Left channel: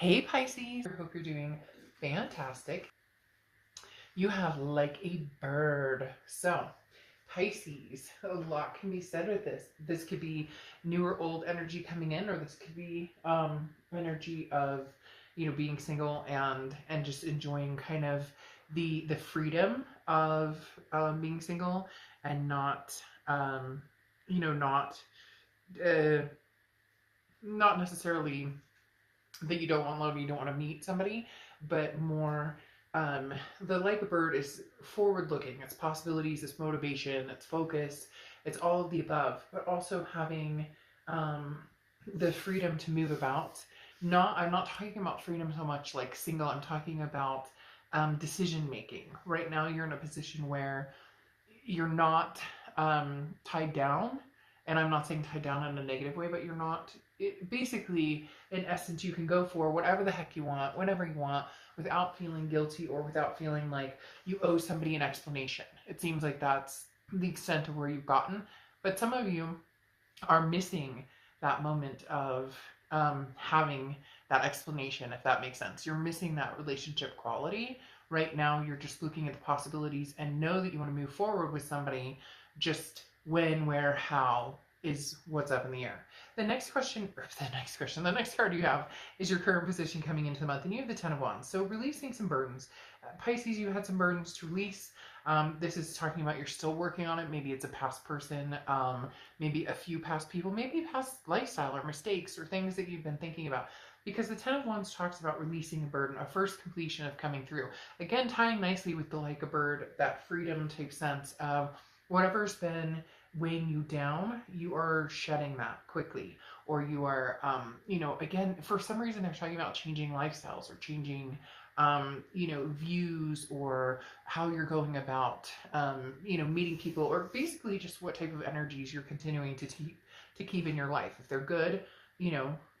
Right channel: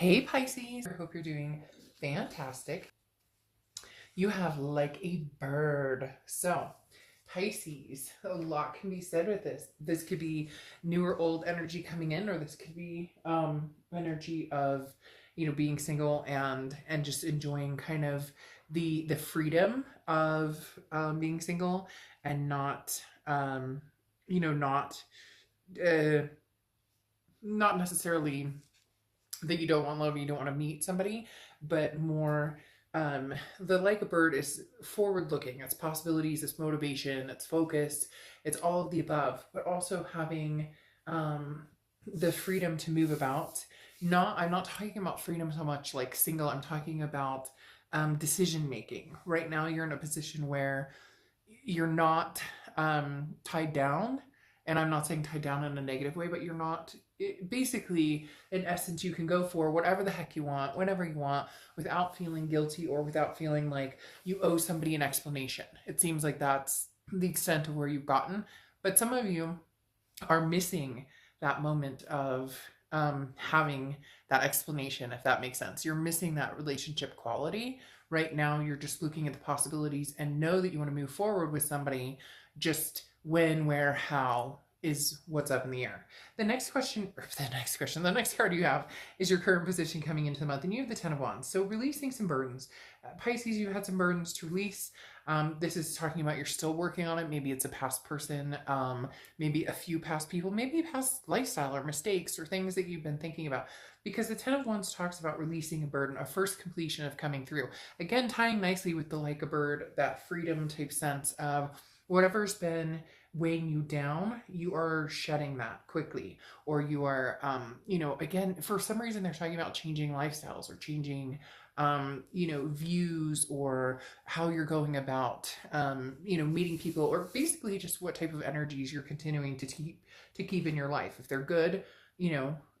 Hey Pisces, I hope you're doing fantastic. You have like a bird. So, Pisces, a lot can be said with this. This could be new or old energy coming in, or this could be energy of being single and just enjoying kind of the freedom of being single and not you know not uh, not necessarily that you don't want love, you don't want to meet somebody, but more the like a bird is forward looking. It's possibilities, it's motivation, it's focus, it's all of the above, but also having the freedom to move about. I'm not talking about freedom so much like single, I'm talking about decision making. Right now you're in a position where you're not tied down, and I'm not saying tied down in a negative way, but you're not basically, in essence, you can go for whatever the heck you want whenever you want without feeling guilty or without feeling like you owe somebody an explanation. It seems like that's the extent of where you've gotten, but some of you are missing that moment of having that explanation, if that makes sense. You're missing that relationship quality. Right now, you're just looking at the possibilities and know that you want to move forward with somebody. Just when, where, how is what's up in the air. The next card you have is your current position coming into the month, and you have the Ten of Wands. So releasing some burdens. Pisces, you had some burdens to release. This is talking about you're still working on it. Maybe it's a past person, maybe a few past people, maybe past lifestyle or mistakes or things that you've been thinking about. Because the Ten of Wands talks about releasing a burden, a first completion of coming through. Again, tying nicely with the like a bird, that freedom type sense. Whatever's been weighing you down, you are shedding that quickly. Or you are, again, for some reason they're talking about changing lifestyles or changing views or how you're going about, meeting people, or basically just what type of energies you're continuing to keep in your life. If they're good,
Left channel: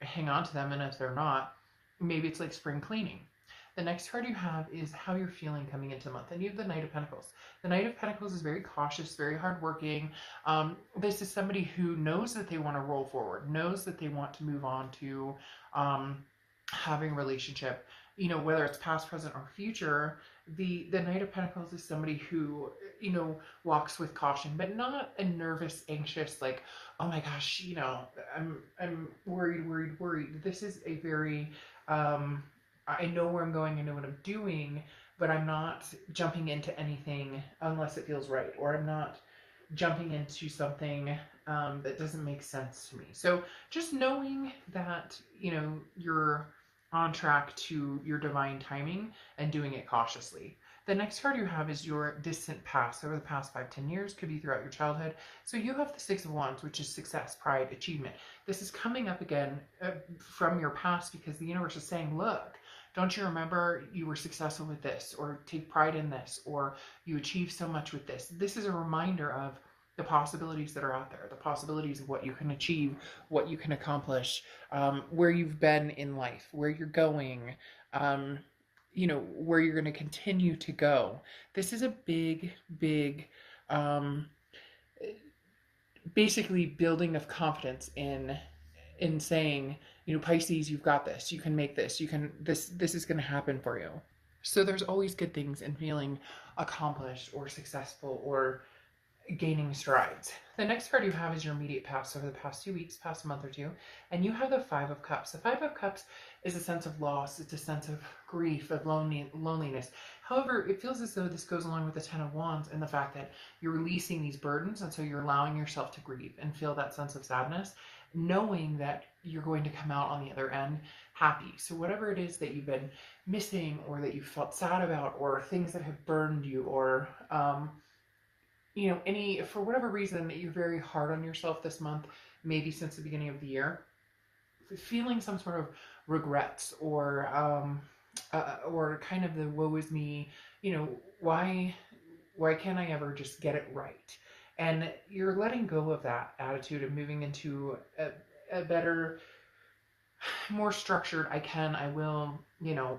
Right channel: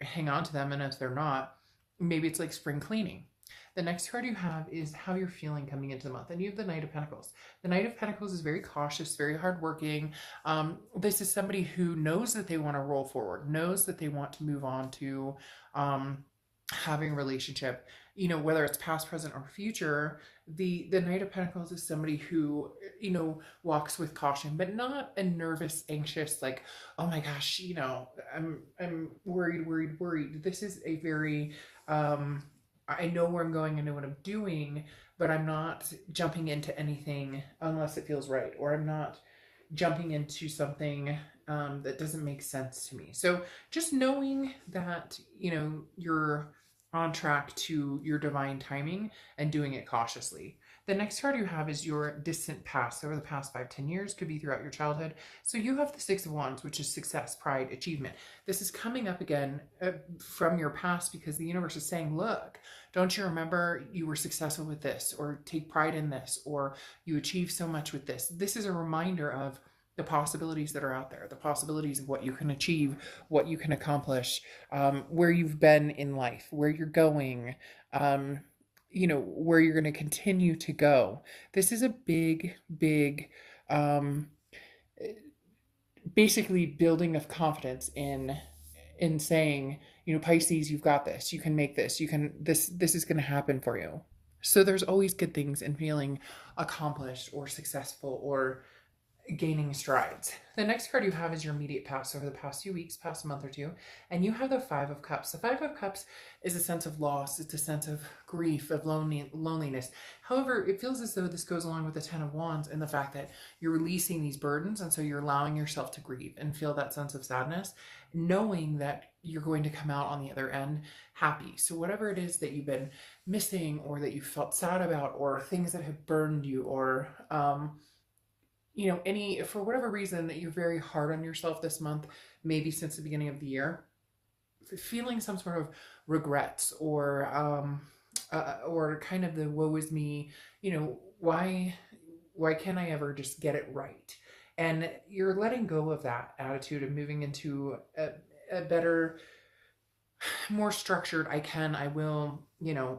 hang on to them, and if they're not, maybe it's like spring cleaning. The next card you have is how you're feeling coming into the month, and you have the Knight of Pentacles. The Knight of Pentacles is very cautious, very hardworking. This is somebody who knows that they want to roll forward, knows that they want to move on to having a relationship, whether it's past, present, or future. The Knight of Pentacles is somebody who, walks with caution, but not a nervous, anxious, like, oh my gosh, I'm worried. This is a very, I know where I'm going, I know what I'm doing, but I'm not jumping into anything unless it feels right, or I'm not jumping into something that doesn't make sense to me. So just knowing that, you're on track to your divine timing and doing it cautiously. The next card you have is your distant past, over the past 5-10 years, could be throughout your childhood. So you have the Six of Wands, which is success, pride, achievement. This is coming up again from your past, because the universe is saying, look, don't you remember you were successful with this, or take pride in this, or you achieved so much with this. This is a reminder of the possibilities that are out there, the possibilities of what you can achieve, what you can accomplish, where you've been in life, where you're going, where you're going to continue to go. This is a big, basically building of confidence in saying, Pisces, you've got this, you can make this, this is going to happen for you. So there's always good things in feeling accomplished or successful or gaining strides. The next card you have is your immediate past, over the past few weeks, past month or two, and you have the Five of Cups. The Five of Cups is a sense of loss, it's a sense of grief, of loneliness. However, it feels as though this goes along with the Ten of Wands and the fact that you're releasing these burdens, and so you're allowing yourself to grieve and feel that sense of sadness, knowing that you're going to come out on the other end happy. So whatever it is that you've been missing, or that you felt sad about, or things that have burned you, or for whatever reason that you're very hard on yourself this month, maybe since the beginning of the year, feeling some sort of regrets, or kind of the woe is me, why can't I ever just get it right? And you're letting go of that attitude and moving into a better, more structured, I will,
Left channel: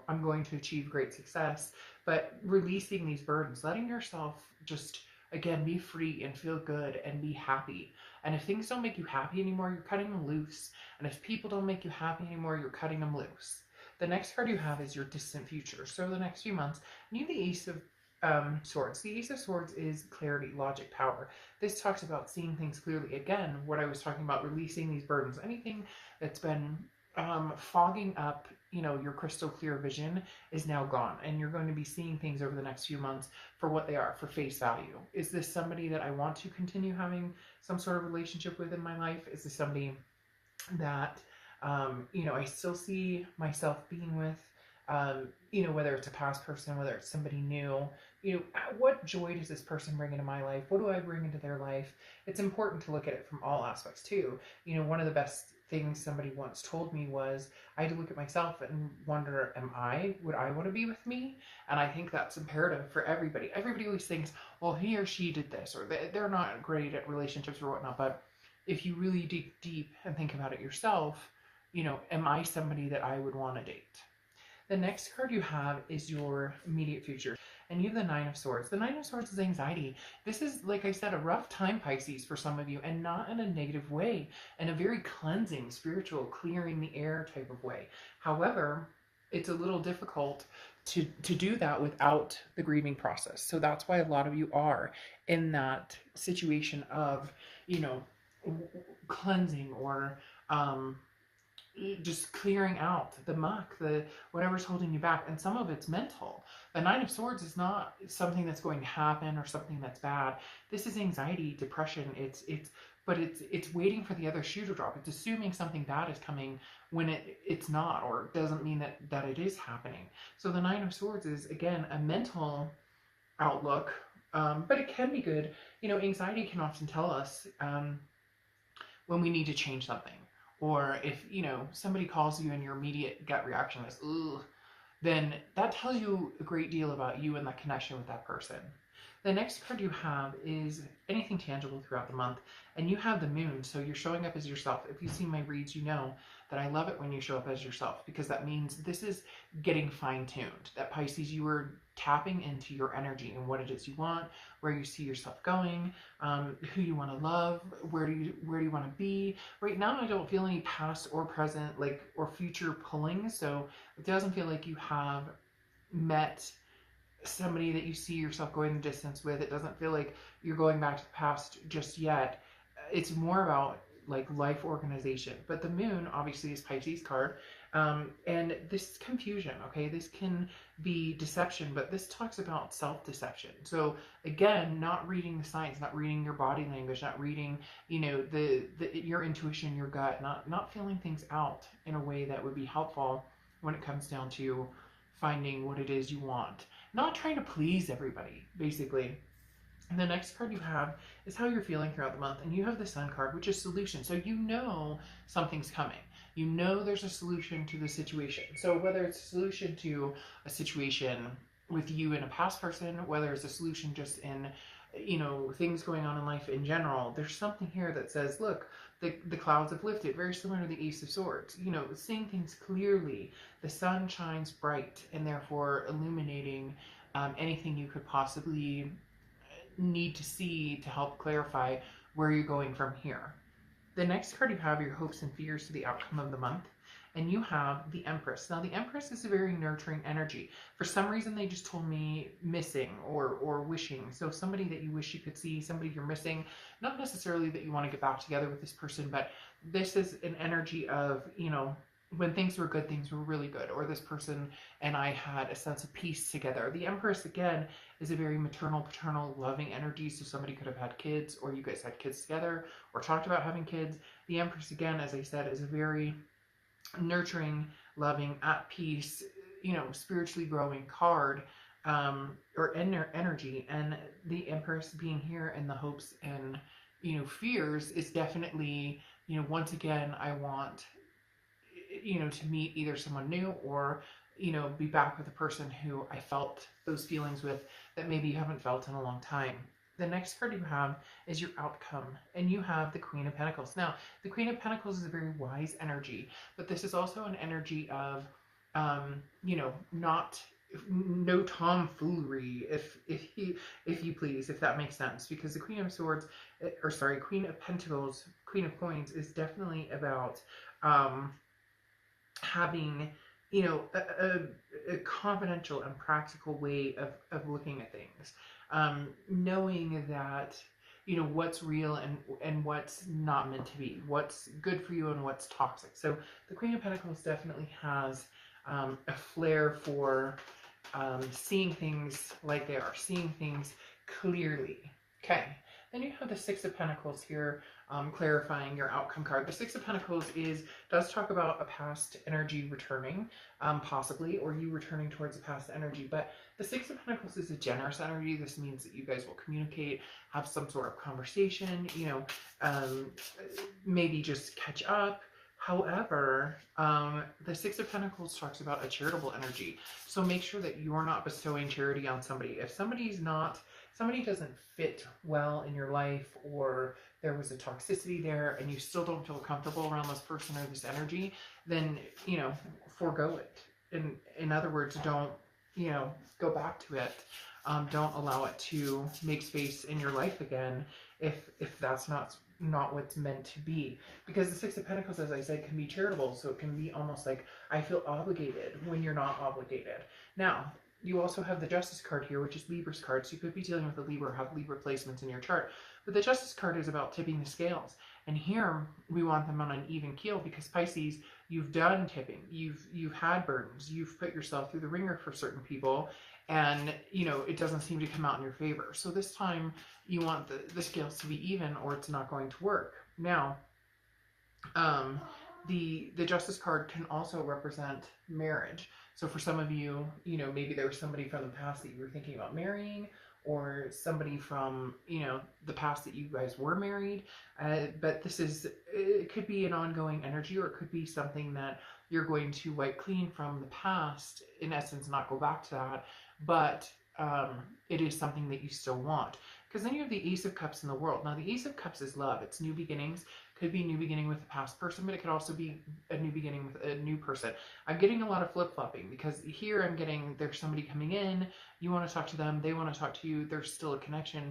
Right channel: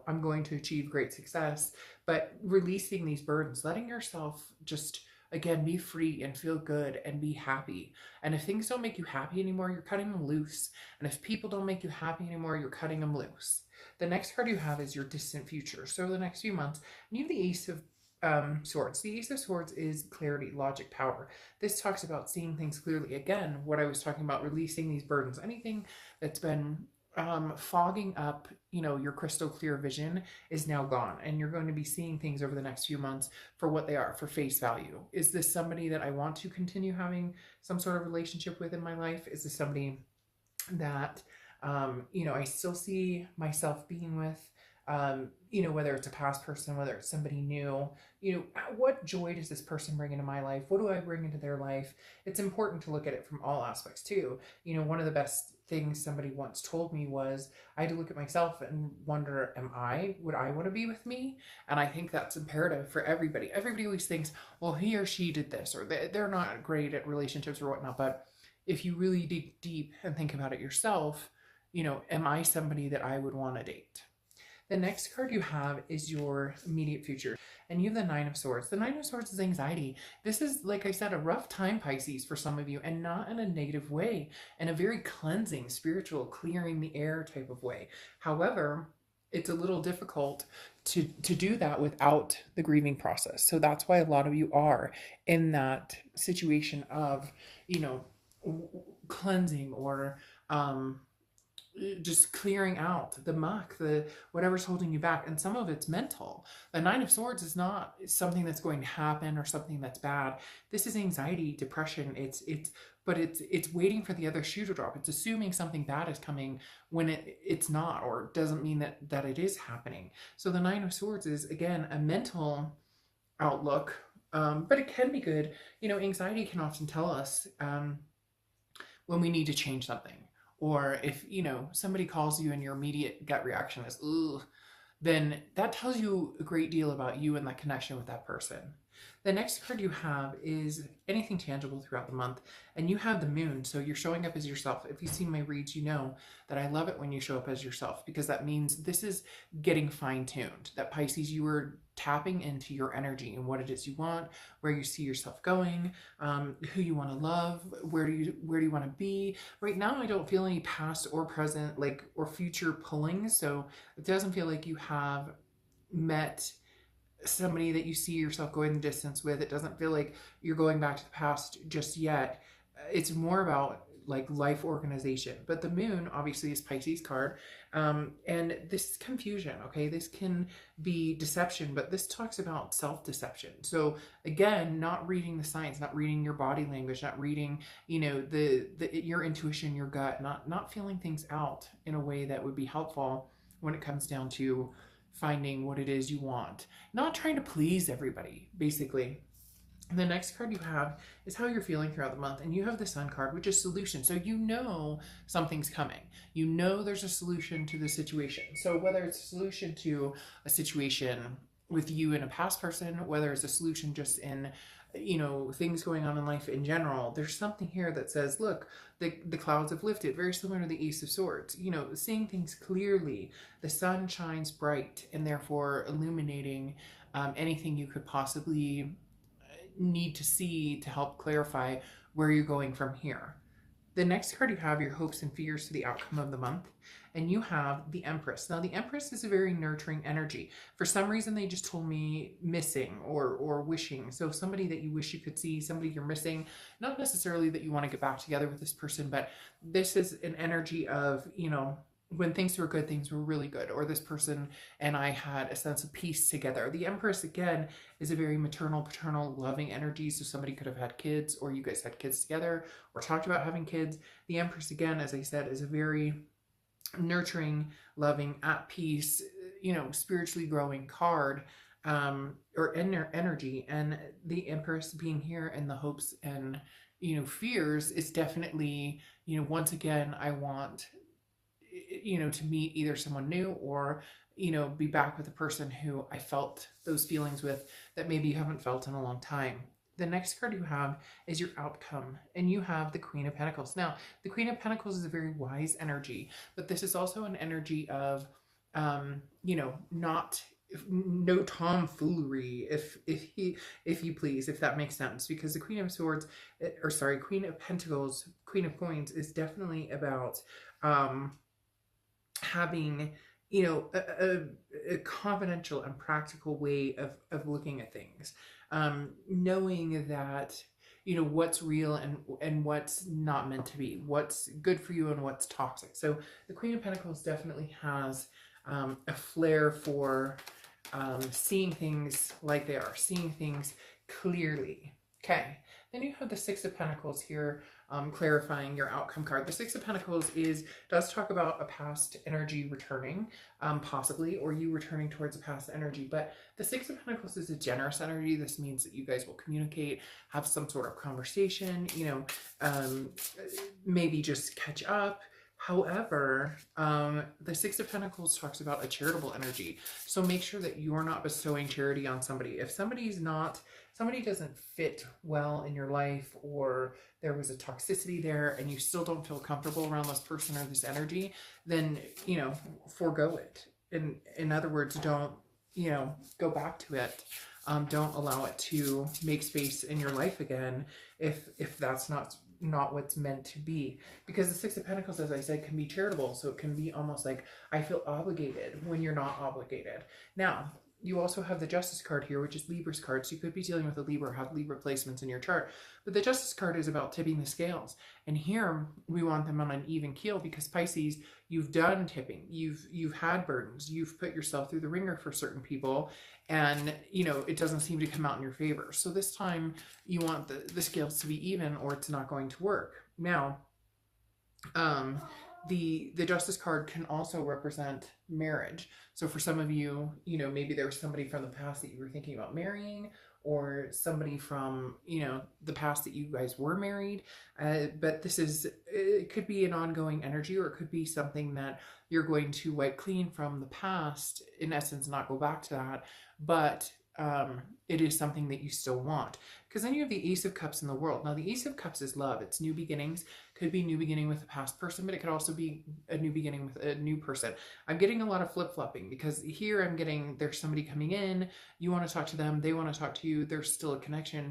I'm going to achieve great success, but releasing these burdens, letting yourself just, again, be free and feel good and be happy. And if things don't make you happy anymore, you're cutting them loose. And if people don't make you happy anymore, you're cutting them loose. The next card you have is your distant future. So the next few months, and you have the Ace of Swords. The Ace of Swords is clarity, logic, power. This talks about seeing things clearly. Again, what I was talking about, releasing these burdens. Anything that's been fogging up, your crystal clear vision is now gone, and you're going to be seeing things over the next few months for what they are, for face value. Is this somebody that I want to continue having some sort of relationship with in my life? Is this somebody that I still see myself being with? Whether it's a past person, whether it's somebody new, what joy does this person bring into my life? What do I bring into their life? It's important to look at it from all aspects too. One of the best things somebody once told me was I had to look at myself and wonder, would I want to be with me? And I think that's imperative for everybody. Everybody always thinks, well, he or she did this, or they're not great at relationships or whatnot. But if you really dig deep and think about it yourself, am I somebody that I would want to date? The next card you have is your immediate future, and you have the Nine of Swords. The Nine of Swords is anxiety. This is, like I said, a rough time, Pisces, for some of you, and not in a negative way, in a very cleansing, spiritual, clearing the air type of way. However, it's a little difficult to do that without the grieving process. So that's why a lot of you are in that situation of, cleansing or just clearing out the muck, whatever's holding you back. And some of it's mental. The Nine of Swords is not something that's going to happen or something that's bad. This is anxiety, depression. It's waiting for the other shoe to drop. It's assuming something bad is coming when it's not, or doesn't mean that it is happening. So the Nine of Swords is, again, a mental outlook, but it can be good. Anxiety can often tell us when we need to change something. Or if, somebody calls you and your immediate gut reaction is, ooh, then that tells you a great deal about you and that connection with that person. The next card you have is anything tangible throughout the month, and you have the Moon, so you're showing up as yourself. If you've seen my reads, you know that I love it when you show up as yourself, because that means this is getting fine-tuned. That Pisces, you are tapping into your energy and what it is you want, where you see yourself going, who you want to love, where do you want to be. Right now, I don't feel any past or present, or future pulling, so it doesn't feel like you have met somebody that you see yourself going the distance with. It doesn't feel like you're going back to the past just yet. It's more about life organization. But the Moon obviously is Pisces card, and this is confusion. Okay, this can be deception, but this talks about self-deception. So again, not reading the signs, not reading your body language, not reading your intuition, your gut, not feeling things out in a way that would be helpful when it comes down to finding what it is you want. Not trying to please everybody, basically. And the next card you have is how you're feeling throughout the month. And you have the Sun card, which is solution. So something's coming. There's a solution to the situation. So whether it's a solution to a situation with you and a past person, whether it's a solution just in things going on in life in general, there's something here that says, look, the clouds have lifted, very similar to the Ace of Swords. Seeing things clearly, the sun shines bright, and therefore illuminating anything you could possibly need to see to help clarify where you're going from here. The next card you have your hopes and fears to the outcome of the month. And you have the Empress. Now, the Empress is a very nurturing energy. For some reason, they just told me missing or wishing. So somebody that you wish you could see, somebody you're missing. Not necessarily that you want to get back together with this person, but this is an energy of, when things were good, things were really good. Or this person and I had a sense of peace together. The Empress, again, is a very maternal, paternal, loving energy. So somebody could have had kids, or you guys had kids together, or talked about having kids. The Empress, again, as I said, is a very nurturing, loving, at peace, spiritually growing card, or energy. And the Empress being here in the hopes and, fears is definitely, once again, I want, to meet either someone new or, be back with a person who I felt those feelings with that maybe you haven't felt in a long time. The next card you have is your outcome, and you have the Queen of Pentacles. Now, the Queen of Pentacles is a very wise energy, but this is also an energy of, no tomfoolery, if you please, if that makes sense, because the Queen of Swords, Queen of Pentacles, Queen of Coins is definitely about having you know, a confidential and practical way of looking at things. Knowing that, you know, what's real and what's not meant to be, what's good for you and what's toxic. So the Queen of Pentacles definitely has a flair for seeing things like they are, seeing things clearly. Okay. Then you have the Six of Pentacles here, clarifying your outcome card. The Six of Pentacles does talk about a past energy returning, possibly, or you returning towards a past energy. But the Six of Pentacles is a generous energy. This means that you guys will communicate, have some sort of conversation, you know, maybe just catch up. However, the Six of Pentacles talks about a charitable energy. So make sure that you're not bestowing charity on somebody. If somebody doesn't fit well in your life, or there was a toxicity there and you still don't feel comfortable around this person or this energy, then, you know, forego it. In other words, don't, you know, go back to it. Don't allow it to make space in your life again if that's not what's meant to be. Because the Six of Pentacles, as I said, can be charitable. So it can be almost like, I feel obligated when you're not obligated. Now, you also have the Justice card here, which is Libra's card. So you could be dealing with a Libra, have Libra placements in your chart. But the Justice card is about tipping the scales. And here we want them on an even keel, because Pisces, you've done tipping. You've had burdens. You've put yourself through the ringer for certain people. And, you know, it doesn't seem to come out in your favor. So this time you want the scales to be even, or it's not going to work. Now, the Justice card can also represent marriage. So for some of you, you know, maybe there was somebody from the past that you were thinking about marrying, or somebody from, you know, the past that you guys were married. But it could be an ongoing energy, or it could be something that you're going to wipe clean from the past, in essence, not go back to that. But it is something that you still want. Because then you have the Ace of Cups in the World. Now, the Ace of Cups is love. It's new beginnings. Could be new beginning with a past person, but it could also be a new beginning with a new person. I'm getting a lot of flip-flopping, because here I'm getting there's somebody coming in, you want to talk to them, they want to talk to you, there's still a connection.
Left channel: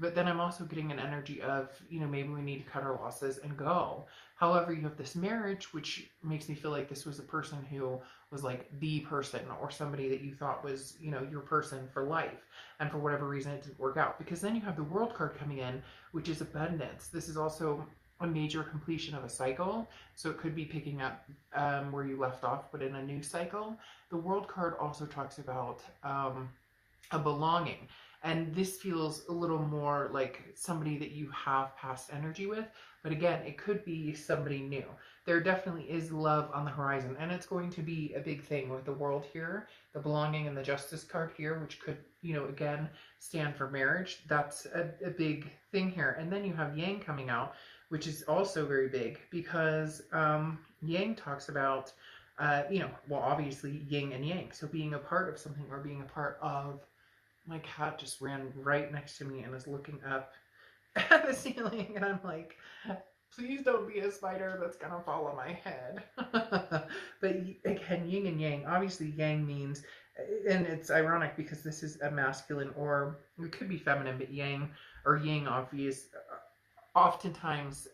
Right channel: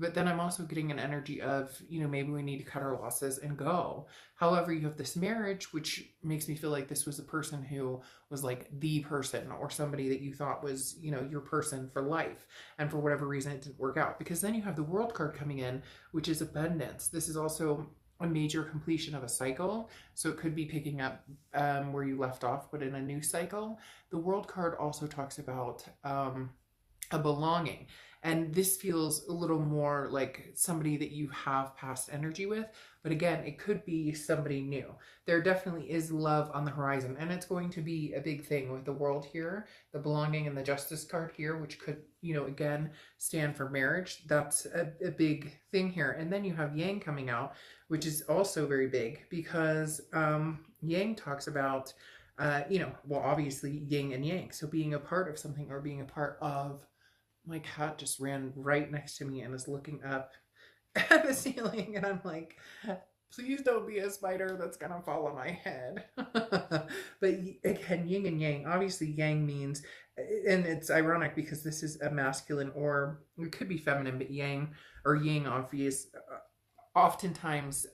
But then I'm also getting an energy of, you know, maybe we need to cut our losses and go. However, you have this marriage, which makes me feel like this was a person who was like the person, or somebody that you thought was, you know, your person for life. And for whatever reason, it didn't work out. Because then you have the World card coming in, which is abundance. This is also a major completion of a cycle. So it could be picking up where you left off, but in a new cycle. The World card also talks about a belonging. And this feels a little more like somebody that you have past energy with. But again, it could be somebody new. There definitely is love on the horizon. And it's going to be a big thing with the World here, the belonging, and the Justice card here, which could, you know, again, stand for marriage. That's a big thing here. And then you have Yang coming out, which is also very big, because Yang talks about, you know, well, obviously yin and yang. So being a part of something, or being a part of, my cat just ran right next to me and is looking up at the ceiling, and I'm like, please don't be a spider that's gonna fall on my head. But again, yin and yang. Obviously, yang means, and it's ironic because this is a masculine, or it could be feminine, but yang or yin oftentimes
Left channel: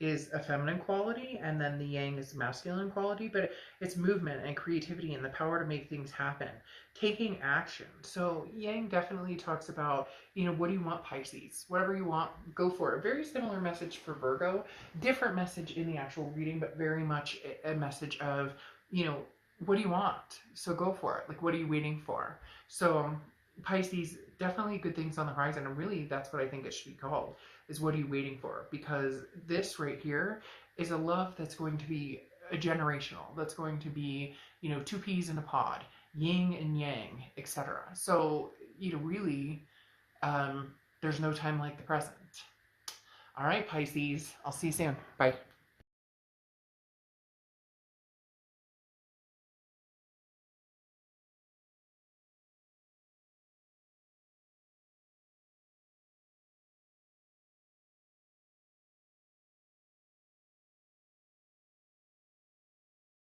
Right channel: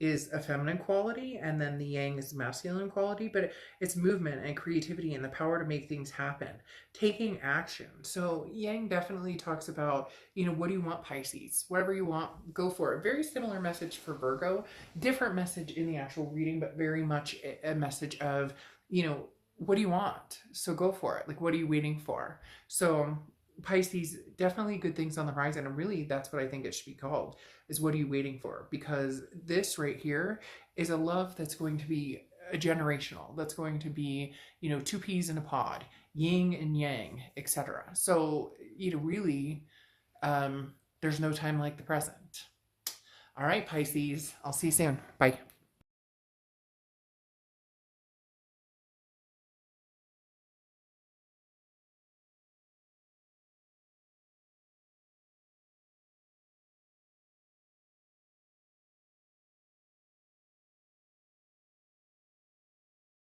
is a feminine quality, and then the yang is a masculine quality. But it's movement and creativity and the power to make things happen, taking action. So yang definitely talks about, you know, what do you want, Pisces? Whatever you want, go for it. Very similar message for Virgo, different message in the actual reading, but very much a message of, you know, what do you want? So go for it. Like, what are you waiting for? So Pisces, definitely good things on the horizon. And really, that's what I think it should be called, is what are you waiting for? Because this right here is a love that's going to be a generational. That's going to be, you know, two peas in a pod, yin and yang, etc. So, you know, really, there's no time like the present. All right, Pisces, I'll see you soon. Bye.